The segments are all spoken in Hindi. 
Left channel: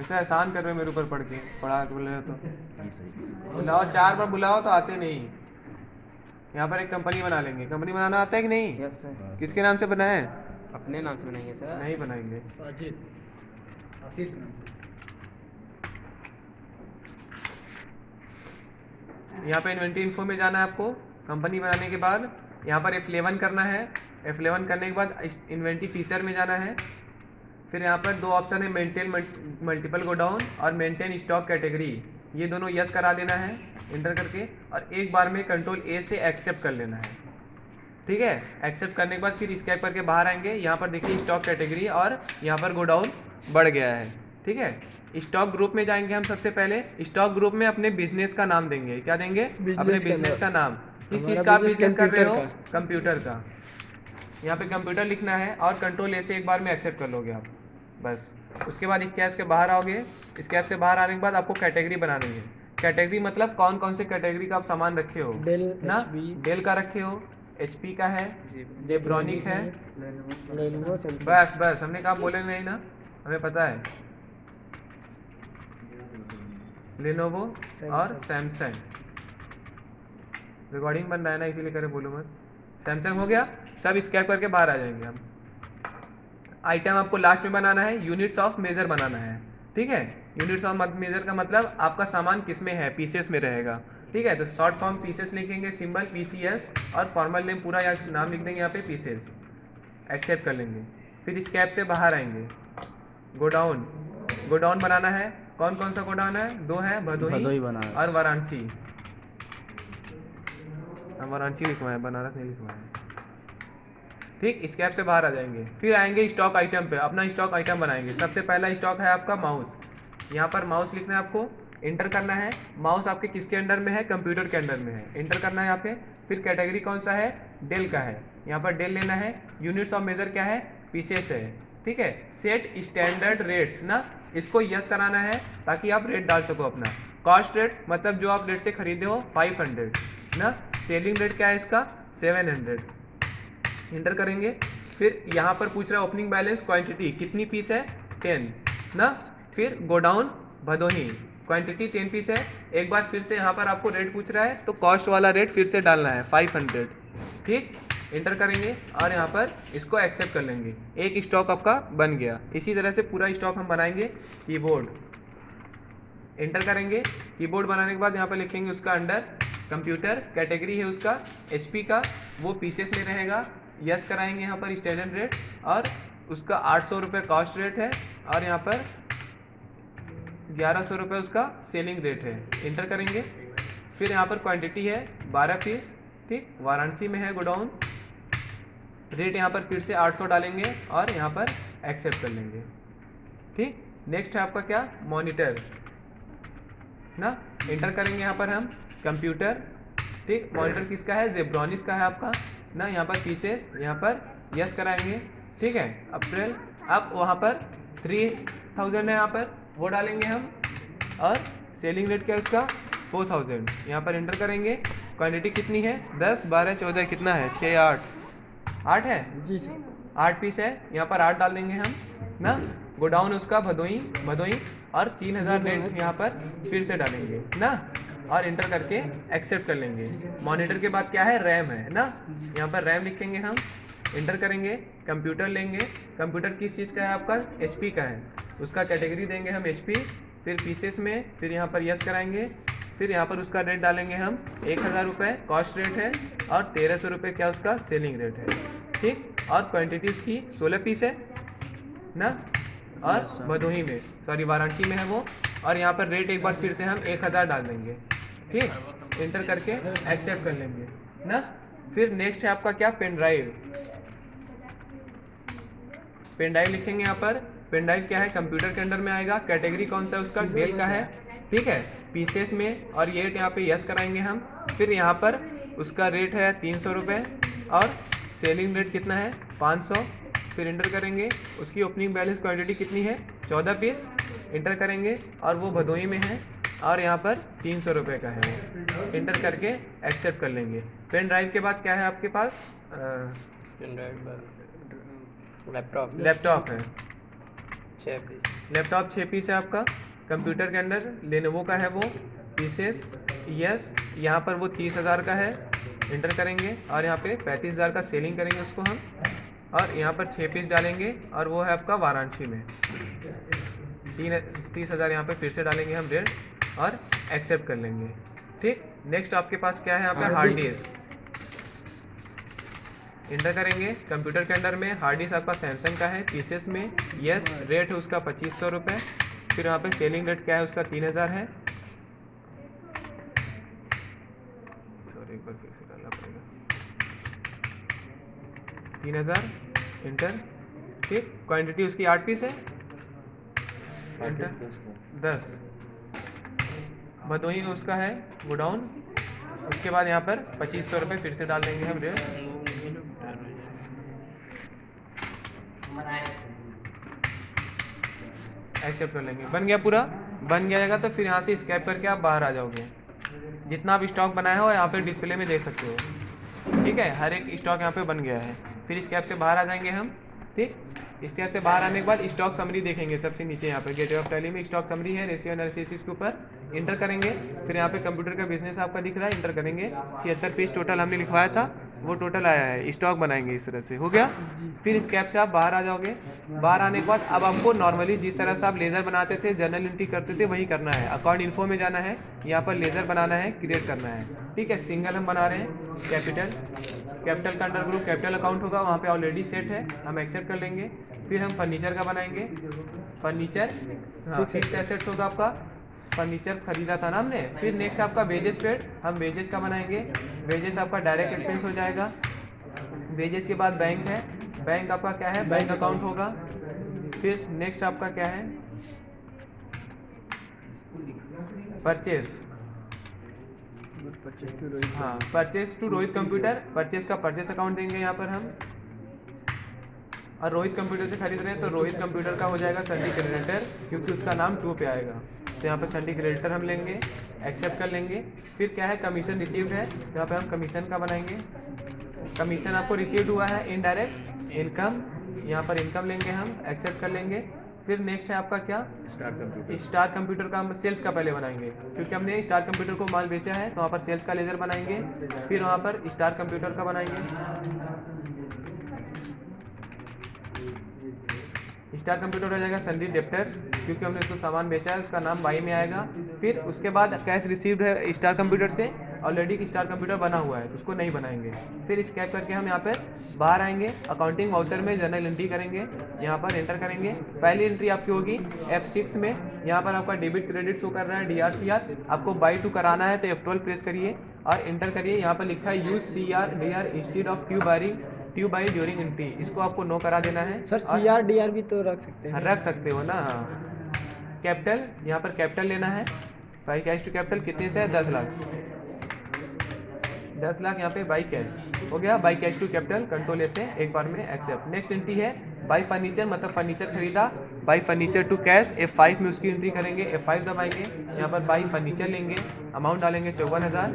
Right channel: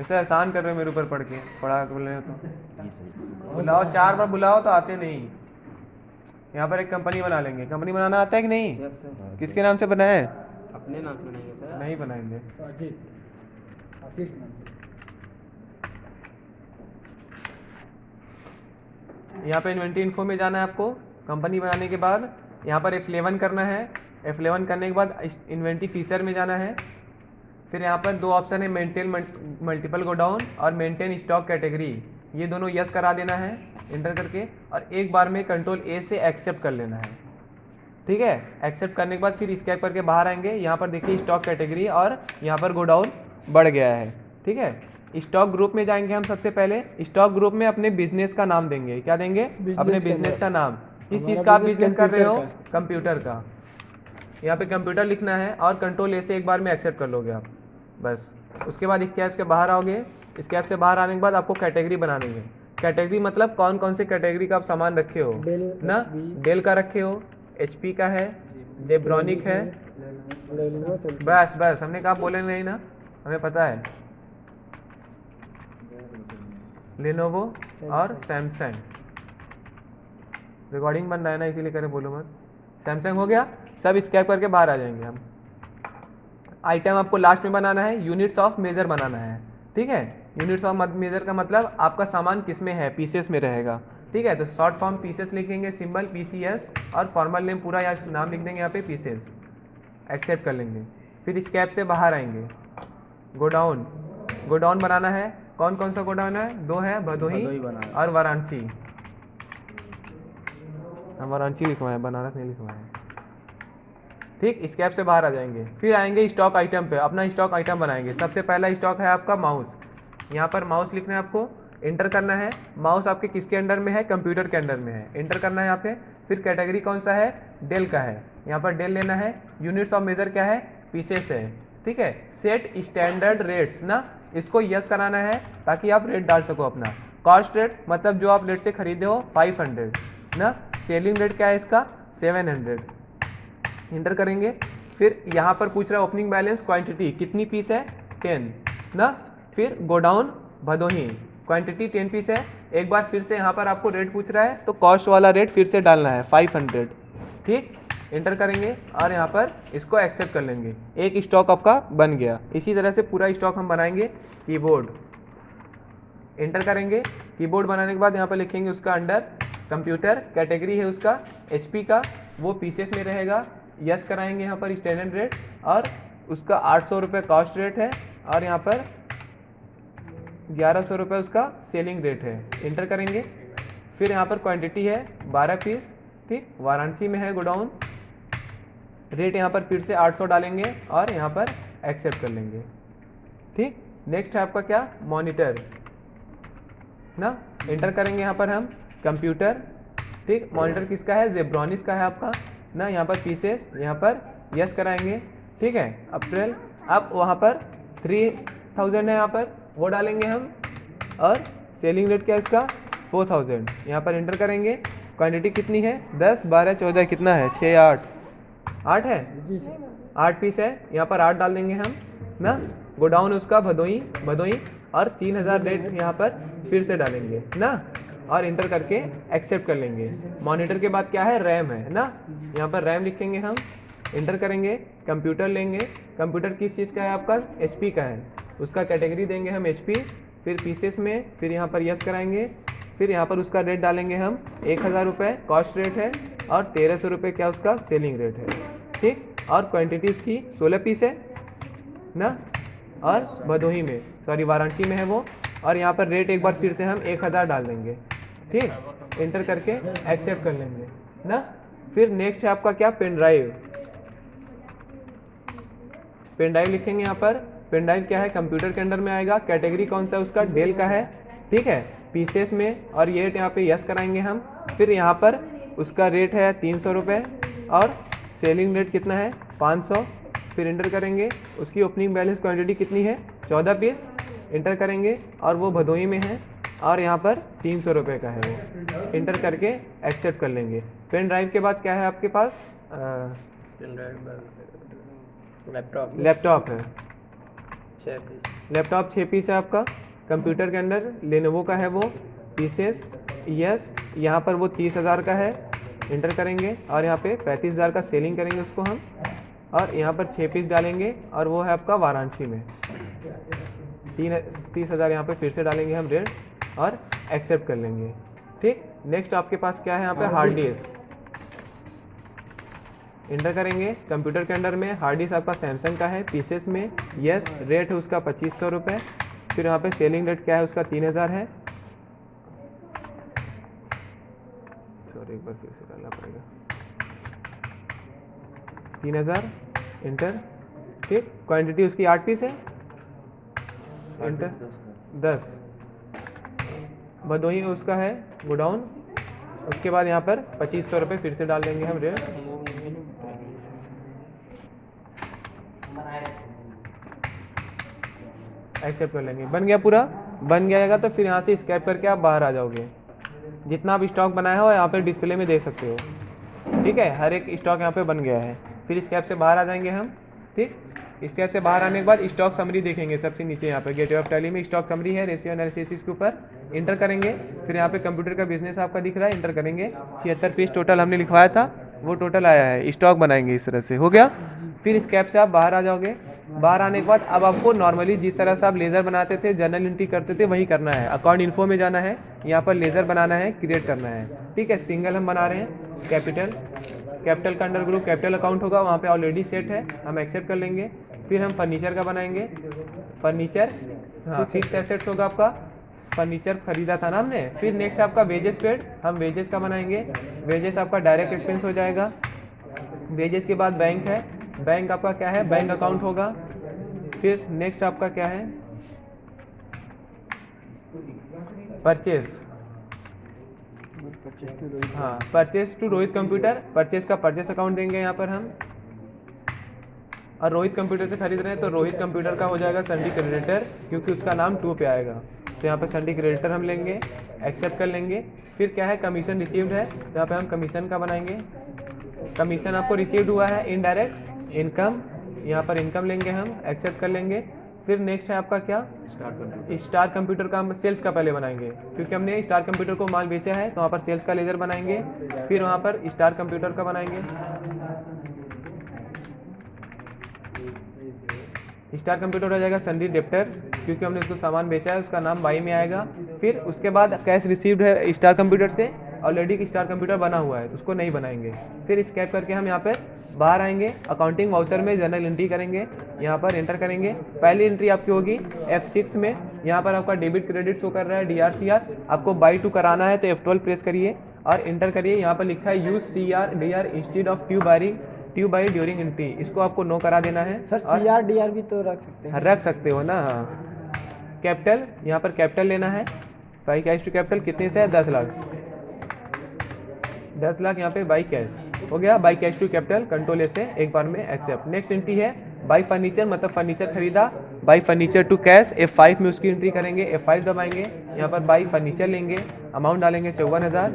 वैसे एहसान कर रहे हो मेरे ऊपर पढ़ के, पढ़ा तो बोल रहे हो तो बुलाओ, 4 बार बुलाओ तो आते नहीं। यहाँ पर एक कंपनी बना लेंगे। कंपनी बनाना आता है कि नहीं? Yes sir. किसके नाम से बनाए? अपने नाम से बनाएंगे सर। नहीं बनाएंगे। साजिद आशीष नाम से। यहाँ पे इन्वेंटरी इन्फो में जाना है आपको। कंपनी बनाने के बाद यहाँ पर F11 करना है। F11 करने के बाद इन्वेंटरी फीचर में जाना है। फिर यहाँ पर 2 ऑप्शन है, मेंटेन मल्टीपल गोडाउन और मेंटेन स्टॉक कैटेगरी। ये दोनों यस करा देना है इंटर करके, और एक बार में कंट्रोल ए से एक्सेप्ट कर लेना है। ठीक है, एक्सेप्ट करने के बाद फिर स्कैप करके बाहर आएंगे। यहाँ पर देखिए स्टॉक कैटेगरी और यहाँ पर गोडाउन बढ़ गया है। ठीक है, स्टॉक ग्रुप में जाएंगे हम। सबसे पहले स्टॉक ग्रुप में अपने बिजनेस का नाम देंगे। क्या देंगे? अपने बिजनेस का नाम। किस चीज़ का आप बिजनेस कर रहे हो? कंप्यूटर का। यहाँ पे कंप्यूटर लिखना है और कंट्रोल ए से एक बार में एक्सेप्ट कर लोगे आप, बस। उसके बाद स्कैप से बाहर आओगे। स्कैप से बाहर आने के बाद आपको कैटेगरी बना देंगे। कैटेगरी मतलब कौन कौन से कैटेगरी का आप सामान रखे हो डेल ना? डेल का रखे हो, HP का है, जेब्रॉनिक है, बस बस। हमने कहा बोले नहीं ना, हमें पता है। लेनोवो और सैमसंग। रिकॉर्डिंग बन रहा है ना, इसीलिए कह रहे बोलो मत। सैमसंग हो गया। सब स्कैप करके बाहर आ जाएंगे हम। आइटम आपको लास्ट में बनाना है, यूनिट्स ऑफ मेजर बनाना है। ठीक है, यूनिट्स ऑफ मेजर का मतलब आपका सामान किस में है, पीसेस में रहेगा। ठीक है, तो शॉर्ट फॉर्म पीसेस लिखेंगे, सिंबल PCS, और फॉर्मल नेम पूरा या नाम लिख देंगे यहाँ पे पीसेस। एक्सेप्ट कर लेंगे। फिर स्कैप से बाहर आएंगे। गोडाउन, गोडाउन बनाना है। कौन कौन सा गोडाउन है? 2 है, भदोही और वाराणसी। वाराणसी लिखवाए, बनारस नहीं लिखवाए। ठीक, स्कैप से बाहर आ जाएंगे। फिर आएंगे स्टॉक आइटम पे, अपना स्टॉक आइटम बनाएंगे। सबसे पहला स्टॉक है आपका माउस। यहाँ पर माउस लिखना है आपको, इंटर करना है। माउस आपके किसके अंडर में है? कंप्यूटर के अंडर में है, इंटर करना है यहाँ पे। फिर कैटेगरी कौन सा है? डेल का है, यहाँ पर डेल लेना है। यूनिट्स ऑफ मेजर क्या है? पीसेस है। ठीक है, सेट स्टैंडर्ड रेट्स ना, इसको यस कराना है ताकि आप रेट डाल सको अपना। कॉस्ट रेट मतलब जो आप रेट से खरीदे हो 500 ना। सेलिंग रेट क्या है इसका? 700। इंटर करेंगे। फिर यहाँ पर पूछ रहा है ओपनिंग बैलेंस, क्वांटिटी कितनी पीस है? 10 ना। फिर गोडाउन भदोही, क्वांटिटी 10 पीस है। एक बार फिर से यहाँ पर आपको रेट पूछ रहा है, तो कॉस्ट वाला रेट फिर से डालना है 500। ठीक, इंटर करेंगे और यहाँ पर इसको एक्सेप्ट कर लेंगे। एक स्टॉक आपका बन गया। इसी तरह से पूरा स्टॉक हम बनाएंगे। कीबोर्ड, इंटर करेंगे। कीबोर्ड बनाने के बाद यहाँ पर लिखेंगे उसका अंडर कंप्यूटर, कैटेगरी है उसका HP का, वो पीसेस में रहेगा। यस कराएंगे यहाँ पर स्टैंडर्ड रेट, और उसका 800 रुपये कॉस्ट रेट है, और यहाँ पर 1100 रुपये उसका सेलिंग रेट है। इंटर करेंगे। फिर यहाँ पर क्वांटिटी है 12 पीस। ठीक, वाराणसी में है गोडाउन। रेट यहाँ पर फिर से 800 डालेंगे और यहाँ पर एक्सेप्ट कर लेंगे। ठीक, नेक्स्ट है आपका क्या? मॉनिटर ना। इंटर करेंगे यहाँ पर हम कंप्यूटर। ठीक, मॉनिटर किसका है? जेब्रॉनिक्स का है आपका ना। यहाँ पर पीसेस, यहाँ पर यस कराएंगे। ठीक है, अप्रैल। अब वहाँ पर 3000 है, यहाँ पर वो डालेंगे हम, और सेलिंग रेट क्या है उसका? 4000। यहाँ पर इंटर करेंगे। क्वांटिटी कितनी है? 10, 12, 14, कितना है? 6, 8 है जी सर। 8 पीस है, यहाँ पर 8 डाल देंगे हम ना। गोडाउन उसका भदोही, और 3000 रेट यहाँ पर फिर से डालेंगे ना, और इंटर करके एक्सेप्ट कर लेंगे। मॉनिटर के बाद क्या है? रैम है ना। यहाँ पर रैम लिखेंगे हम, इंटर करेंगे। कंप्यूटर लेंगे। कंप्यूटर किस चीज़ का है आपका? HP का है, उसका कैटेगरी देंगे हम HP। फिर पीसेस में, फिर यहाँ पर यस कराएंगे। फिर यहाँ पर उसका रेट डालेंगे हम 1000 रुपये कॉस्ट रेट है, और 1300 रुपये क्या उसका सेलिंग रेट है। ठीक, और क्वांटिटी उसकी 16 पीस है ना, और भदोही में, सॉरी वाराणसी में है वो। और यहाँ पर रेट एक बार फिर से हम 1000 डाल देंगे। ठीक, इंटर करके एक्सेप्ट कर लेंगे ना। फिर नेक्स्ट है आपका क्या? Pen drive. पेन ड्राइव लिखेंगे यहाँ पर। पेन ड्राइव क्या है? कंप्यूटर के अंडर में आएगा। कैटेगरी कौन सा है उसका? डेल का है। ठीक है, पीसेस में, और ये रेट यहाँ पे यस कराएंगे हम। फिर यहाँ पर उसका रेट है 300 रुपये, और सेलिंग रेट कितना है? 500। फिर इंटर करेंगे। उसकी ओपनिंग बैलेंस क्वांटिटी कितनी है? 14 पीस। इंटर करेंगे, और वो भदोही में है, और यहाँ पर 300 रुपये का है वो। इंटर करके एक्सेप्ट कर लेंगे। पेन ड्राइव के बाद क्या है आपके पास? लैपटॉप। लैपटॉप है। 6 पीस। लैपटॉप 6 पीस है आपका। कंप्यूटर के अंदर लेनोवो का है वो पीसेस। यस, यहाँ पर वो 30,000 का है, इंटर करेंगे और यहाँ पे 35,000 का सेलिंग करेंगे उसको हम, और यहाँ पर 6 पीस डालेंगे और वो है आपका वाराणसी में। 30,000 यहाँ पे फिर से डालेंगे हम रेट और एक्सेप्ट कर लेंगे। ठीक, नेक्स्ट आपके पास क्या है यहाँ पे हार्ड डिस्क, इंटर करेंगे। कंप्यूटर के अंदर में हार्ड डिस्क आपका सैमसंग का है पीसेस में। यस, रेट है उसका 2500 रुपये। फिर यहाँ पे सेलिंग रेट क्या है उसका 3,000 है। सॉरी, एक बार फिर से डालना पड़ेगा। 3,000, इंटर। ठीक, क्वांटिटी उसकी 8 पीस है, इंटर 10। भदोही उसका है गोडाउन। उसके बाद यहाँ पर 2500 रुपये फिर से डाल देंगे हम रेट। एक्सेप्ट कर लेंगे। बन गया पूरा, बन जाएगा तो फिर यहाँ से स्कैप करके आप बाहर आ जाओगे। जितना आप स्टॉक बनाया हो यहाँ पे डिस्प्ले में देख सकते हो। ठीक है, हर एक स्टॉक यहाँ पे बन गया है। फिर स्कैप से बाहर आ जाएंगे हम। ठीक, स्कैप से बाहर आने के बाद स्टॉक समरी देखेंगे सबसे नीचे यहाँ पे गेटवे ऑफ टैली में स्टॉक समरी है, रेशियो एनालिसिस के ऊपर इंटर करेंगे। फिर यहाँ पे कंप्यूटर का बिजनेस आपका दिख रहा है, इंटर करेंगे। 76 पीस टोटल हमने लिखवाया था, वो टोटल आया है। स्टॉक बनाएंगे इस तरह से, हो गया। फिर स्कैप से आप बाहर आ जाओगे। बाहर आने के बाद अब आपको नॉर्मली जिस तरह से आप लेज़र बनाते थे, जर्नल एंट्री करते थे, वही करना है। अकाउंट इन्फो में जाना है, यहाँ पर लेज़र बनाना है, क्रिएट करना है। ठीक है, सिंगल हम बना रहे हैं, कैपिटल का अंडर ग्रुप कैपिटल अकाउंट होगा, वहाँ पे ऑलरेडी सेट है, हम एक्सेप्ट कर लेंगे। फिर हम फर्नीचर का बनाएंगे, फर्नीचर फिक्स एसेट्स होगा आपका, फर्नीचर खरीदा था ना हमने। फिर नेक्स्ट आपका वेजेस पेड, हम वेजेस का बनाएंगे। वेजेस आपका डायरेक्ट एक्सपेंस हो जाएगा। वेजेस के बाद बैंक है, बैंक आपका क्या है, बैंक अकाउंट होगा। फिर नेक्स्ट आपका क्या है, परचेस। हाँ, purchase to Rohit computer, purchase का परचेस अकाउंट देंगे यहाँ पर हम। और रोहित कंप्यूटर से खरीद रहे हैं तो रोहित कंप्यूटर का हो जाएगा संडी क्रेडिटर, क्योंकि उसका नाम 2 पे आएगा। तो यहाँ पर संडी क्रेडिटर हम लेंगे, एक्सेप्ट कर लेंगे। फिर क्या है, कमीशन रिसीव्ड है, यहाँ पे हम कमीशन का बनाएंगे। कमीशन आपको रिसीव्ड हुआ है, इनडायरेक्ट इनकम, यहाँ पर इनकम लेंगे हम, एक्सेप्ट कर लेंगे। फिर नेक्स्ट है आपका क्या, स्टार कंप्यूटर का हम सेल्स का पहले बनाएंगे, क्योंकि हमने स्टार कंप्यूटर को माल बेचा है, तो वहाँ पर सेल्स का लेजर बनाएंगे। फिर वहाँ पर स्टार कंप्यूटर का बनाएंगे। स्टार कंप्यूटर हो जाएगा संडी डेप्टर, क्योंकि हमने इसको सामान बेचा है, उसका नाम बाई में आएगा। फिर उसके बाद कैश रिसीव्ड है स्टार कंप्यूटर से, ऑलरेडी स्टार कंप्यूटर बना हुआ है, उसको नहीं बनाएंगे। फिर स्कैप करके हम यहाँ पर बाहर आएंगे, अकाउंटिंग वाउचर में जर्नल एंट्री करेंगे, यहाँ पर एंटर करेंगे। पहली एंट्री आपकी होगी F6 में, यहाँ पर आपका डेबिट क्रेडिट शो कर रहा है, DRCR। आपको बाई टू कराना है तो F12 प्रेस करिए और एंटर करिए। यहाँ पर लिखा है use CR/DR instead of to by during entry, इसको आपको नो करा देना है। सर CR/DR भी तो रख सकते हैं। रख सकते हो ना। कैपिटल, यहाँ पर कैपिटल लेना है, बाई कैश टू कैपिटल कितने से है, 10 लाख। 10 लाख यहाँ पे बाई कैश हो गया। By cash to capital control से एक बार में एक्सेप्ट। नेक्स्ट एंट्री है बाई फर्नीचर, मतलब फर्नीचर खरीदा, by furniture to cash, F5 में उसकी एंट्री करेंगे, F5 दबाएंगे। यहाँ पर बाई फर्नीचर लेंगे, अमाउंट डालेंगे 54,000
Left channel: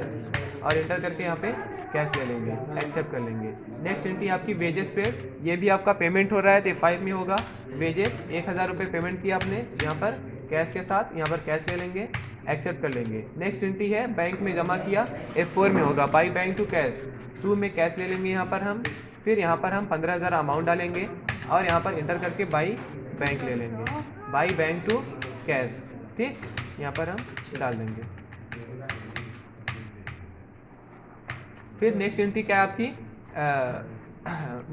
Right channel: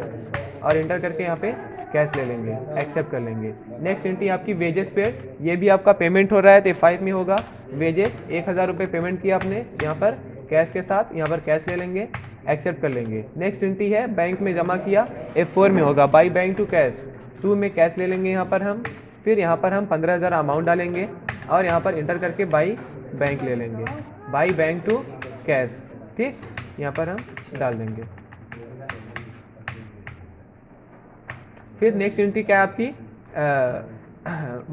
और एंटर करके यहाँ पे कैश ले लेंगे, एक्सेप्ट कर लेंगे। नेक्स्ट एंट्री आपकी वेजेस पेड, ये भी आपका पेमेंट हो रहा है तो F5 में होगा। वेजेस 1,000 रुपये पेमेंट किया आपने यहाँ पर कैश के साथ, यहाँ पर कैश ले लेंगे, एक्सेप्ट कर लेंगे। नेक्स्ट एंट्री है बैंक में जमा किया, F4 में होगा, बाई बैंक टू कैश 2 में कैश ले लेंगे यहाँ पर हम। फिर यहाँ पर हम 15,000 अमाउंट डालेंगे और यहाँ पर इंटर करके बाई बैंक ले लेंगे, बाई बैंक टू कैश। ठीक, यहाँ पर हम डाल देंगे। फिर नेक्स्ट एंट्री क्या है आपकी,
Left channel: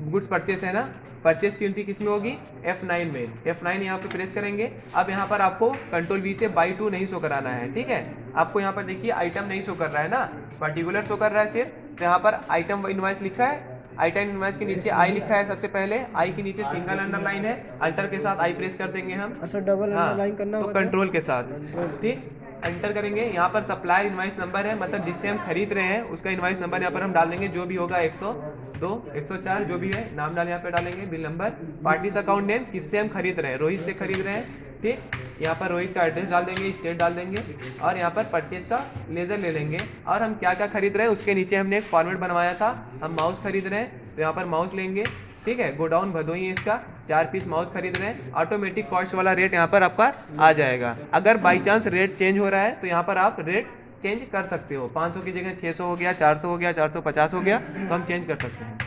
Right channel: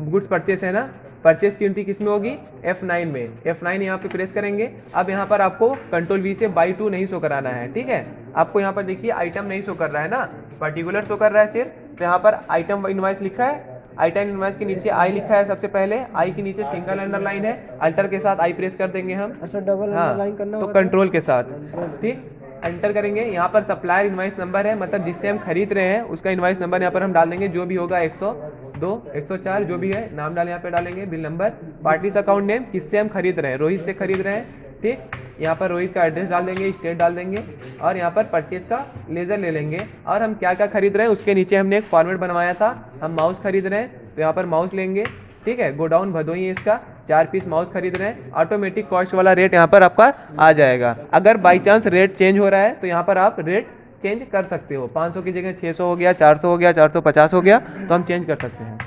गुड्स परचेस है ना, परचेस की एंट्री किस में होगी, F9 में। F9 यहाँ पे प्रेस करेंगे। अब यहाँ पर आपको कंट्रोल V से बाई टू नहीं शो कराना है, ठीक है। आपको यहाँ पर देखिए आइटम नहीं शो कर रहा है ना, पर्टिकुलर शो कर रहा है सिर्फ। तो यहाँ पर आइटम इनवॉइस लिखा है, आइटम इनवॉइस के नीचे आई लिखा है सबसे पहले, आई के नीचे सिंगल अंडरलाइन है, अल्टर के साथ आई प्रेस कर देंगे हम। अच्छा, डबल अंडरलाइन करना तो होगा कंट्रोल के साथ, ठीक, एंटर करेंगे। यहाँ पर सप्लायर इनवॉइस नंबर है, मतलब जिससे हम खरीद रहे हैं उसका इनवॉइस नंबर यहाँ पर हम डाल देंगे, जो भी होगा 102, 104 जो भी है, नाम डाल यहाँ पे डालेंगे, bill number, parties account name, किससे हम खरीद रहे हैं, रोहित से खरीद रहे हैं, ठीक। यहाँ पर रोहित का एड्रेस डाल देंगे, स्टेट डाल देंगे और यहाँ पर परचेज का लेजर ले लेंगे। और हम क्या क्या खरीद रहे हैं उसके नीचे हमने एक फॉर्मेट बनवाया था, हम माउस खरीद रहे हैं तो यहाँ पर माउस लेंगे, ठीक है। गोडाउन भदोही है इसका, 4 पीस माउस खरीद रहे हैं, ऑटोमेटिक कॉस्ट वाला रेट यहाँ पर आपका आ जाएगा। अगर बाई चांस रेट चेंज हो रहा है तो यहाँ पर आप रेट चेंज कर सकते हो, 500 की जगह 600 हो गया, 400 हो गया, 450 हो गया, तो हम चेंज कर सकते हैं।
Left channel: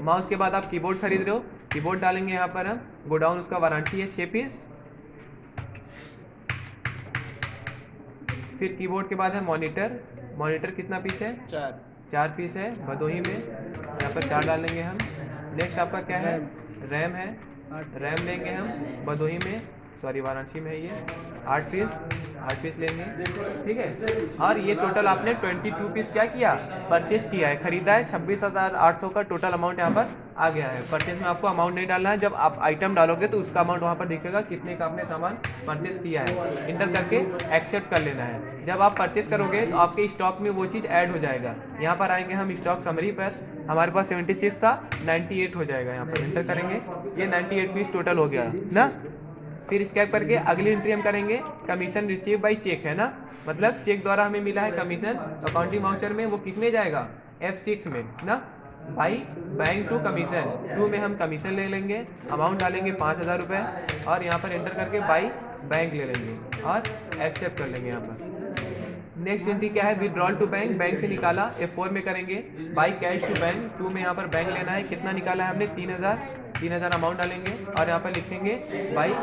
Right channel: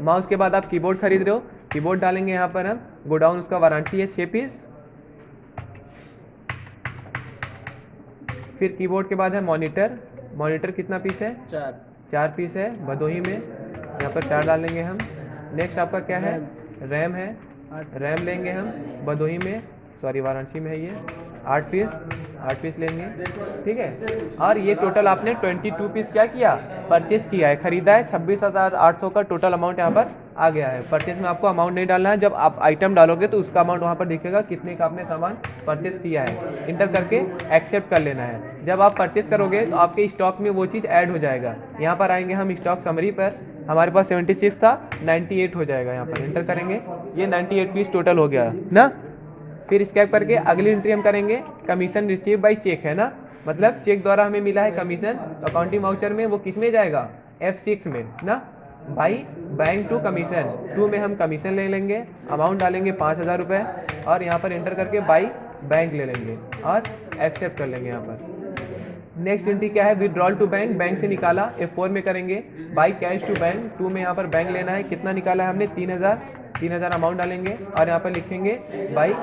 माउस के बाद आप कीबोर्ड खरीद रहे हो, कीबोर्ड डालेंगे यहाँ पर हम, गोडाउन उसका वारंटी है 6 पीस। फिर कीबोर्ड के बाद है मॉनिटर, मॉनिटर कितना पीस है? 4 पीस है भदोही में, यहाँ पर 4 डालेंगे हम। नेक्स्ट आपका क्या है? रैम है, रैम लेंगे हम भदोही में, सॉरी वाराणसी में है ये, 8 पीस लेंगे, ठीक है। और ये टोटल आपने 22 पीस क्या किया? परचेस किया है, खरीदा है। 26,800 का टोटल अमाउंट यहाँ पर आ गया है। परचेस में आपको अमाउंट नहीं डालना है, जब आप आइटम डालोगे तो उसका अमाउंट वहाँ पर दिखेगा कितने का आपने सामान परचेस किया है, इंटर करके एक्सेप्ट कर लेना है। जब आप परचेस करोगे तो आपके स्टॉक में वो चीज़ ऐड हो जाएगा। यहाँ पर आएंगे हम स्टॉक समरी पर, हमारे पास 76 था, 98 हो जाएगा, यहाँ पर इंटर करेंगे, ये 98 पीस टोटल हो गया ना। फिर स्कैप करके अगली एंट्री हम करेंगे, कमीशन रिसीव बाई चेक है ना, मतलब चेक द्वारा हमें मिला है कमीशन, अकाउंटिंग वाउचर में वो किस में जाएगा? F6 में ना, बाई बैंक टू कमीशन 2 में हम कमीशन ले लेंगे, अमाउंट डालेंगे 5,000 रुपये और यहाँ पर एंटर करके बाई बैंक ले लेंगे और एक्सेप्ट कर लेंगे यहाँ पर। नेक्स्ट एंट्री क्या है? विड्रॉल टू बैंक, बैंक से निकाला, F4 में करेंगे, बाई कैश टू बैंक 2 में यहाँ पर बैंक लेना है, कितना निकाला है हमने? 3,000 अमाउंट डालेंगे और यहाँ पर लिखेंगे बाई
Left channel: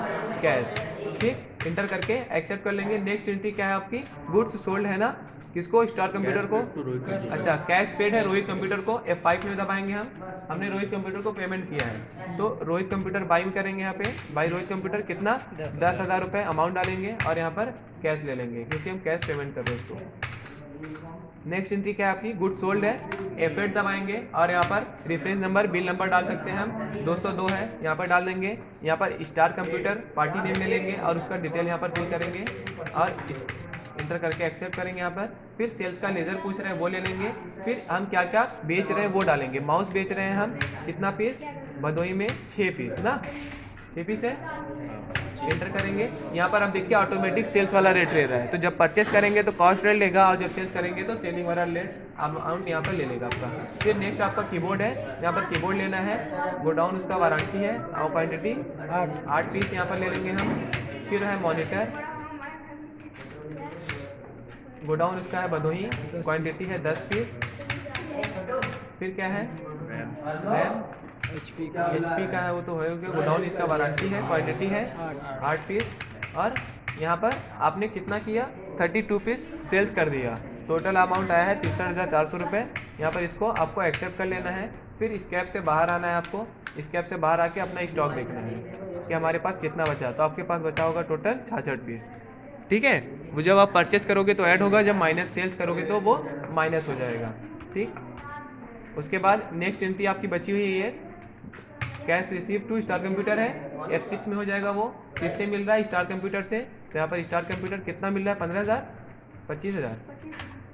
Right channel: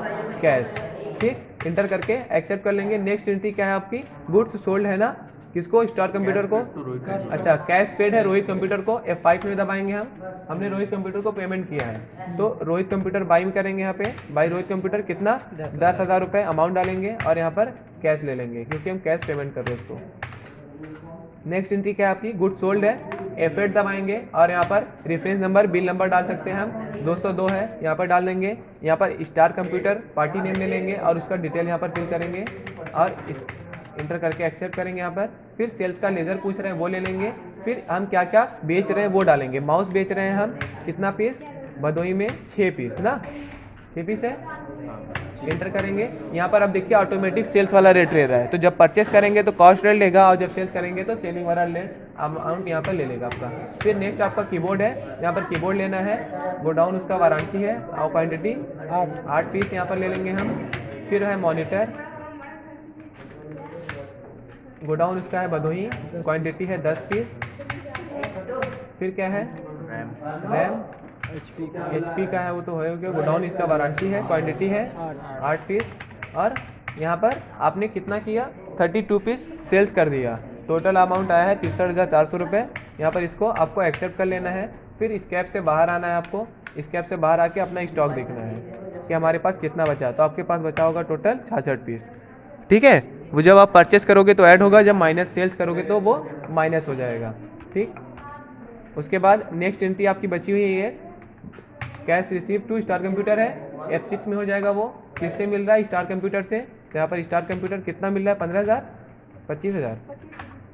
कैश, ठीक, इंटर करके एक्सेप्ट कर लेंगे। नेक्स्ट एंट्री क्या है आपकी? गुड्स सोल्ड है ना, किसको? स्टार कंप्यूटर को, अच्छा कैश पेड है रोहित कंप्यूटर को, F5 में दबाएंगे हम, हमने रोहित कंप्यूटर को पेमेंट किया है तो रोहित कंप्यूटर बाई में करेंगे, यहाँ पे बाई रोहित कंप्यूटर कितना? 10,000 रुपये अमाउंट डालेंगे और यहाँ पर कैश ले लेंगे क्योंकि हम कैश पेमेंट कर रहे हैं उसको। नेक्स्ट एंट्री क्या है आपकी? गुड सोल्ड है, F8 दबाएंगे और यहाँ पर रेफरेंस नंबर बिल नंबर डाल सकते हैं हम, 202 है, यहाँ पर डाल देंगे। यहाँ पर स्टार कंप्यूटर पार्टी नेम ले लेंगे और उसका डिटेल यहाँ पर फिल करेंगे और इंटर करके एक्सेप्ट करेंगे यहाँ पर। फिर सेल्स का लेजर पूछ रहे हैं वो ले लेंगे। फिर हम क्या क्या बेच रहे हैं वो डालेंगे। माउस बेच रहे हैं हम, कितना पीस? भदोही में 6 पीस ना, 6 पीस है, एंटर करेंगे। यहाँ पर आप देखिए ऑटोमेटिक सेल्स वाला रेट ले रहा है, तो जब परचेस करेंगे तो कॉस्ट रेट लेगा और जब सेल्स करेंगे तो सेलिंग वाला रेट अमाउंट यहाँ पर ले लेगा आपका। फिर नेक्स्ट आपका कीबोर्ड है, यहाँ पर कीबोर्ड लेना है, गोडाउन उसका वाराणसी है और क्वान्टिटी 8 पीस यहाँ पर ले लेंगे हम। फिर है मॉनिटर, गोडाउन उसका है भदोही, क्वान्टिटी है 10 पीस। फिर क्या है? रैम HP का है, वो तो हो गया, गोडाउन इसका वाराणसी है, क्वांटिटी है 8 पीस। और यहाँ पर आपने कितना किया? 32 पीस सेल्स कर दिया, टोटल अमाउंट आया है 63,400 रुपये। यहाँ पर इसको आपको एक्सेप्ट कर लेना है। फिर स्कैप से बाहर आना है आपको, स्कैप से बाहर आके अपना स्टॉक देखना है कि हमारे पास कितना बचा। तो आपके पास बचा होगा टोटल 66 पीस, ठीक है। वो जब आप परचेस करोगे तो ऐड होगा, जब माइनस सेल्स करोगे तो वो माइनस हो जाएगा, ठीक। उसके बाद नेक्स्ट एंट्री आपकी बची हुई है, cash receive to star computer है, F6 में हो जाएगा। वो किससे मिल रहा है? स्टार कंप्यूटर से। तो यहाँ पर स्टार कंप्यूटर कितना मिल रहा है? 15,000,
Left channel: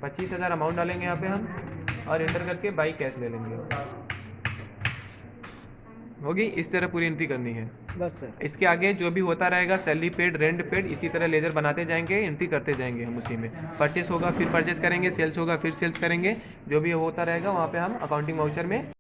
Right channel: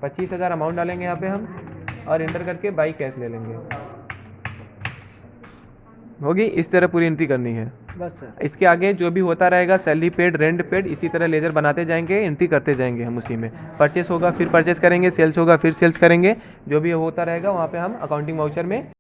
25,000 अमाउंट डालेंगे यहाँ पे हम और एंटर करके बाई कैश ले लेंगे। होगी इस तरह पूरी एंट्री करनी है बस सर। इसके आगे जो भी होता रहेगा, सैलरी पेड, रेंट पेड, इसी तरह लेजर बनाते जाएंगे, एंट्री करते जाएंगे हम उसी में। परचेस होगा फिर परचेस करेंगे, सेल्स होगा फिर सेल्स करेंगे, जो भी होता रहेगा वहाँ पे हम अकाउंटिंग वाउचर में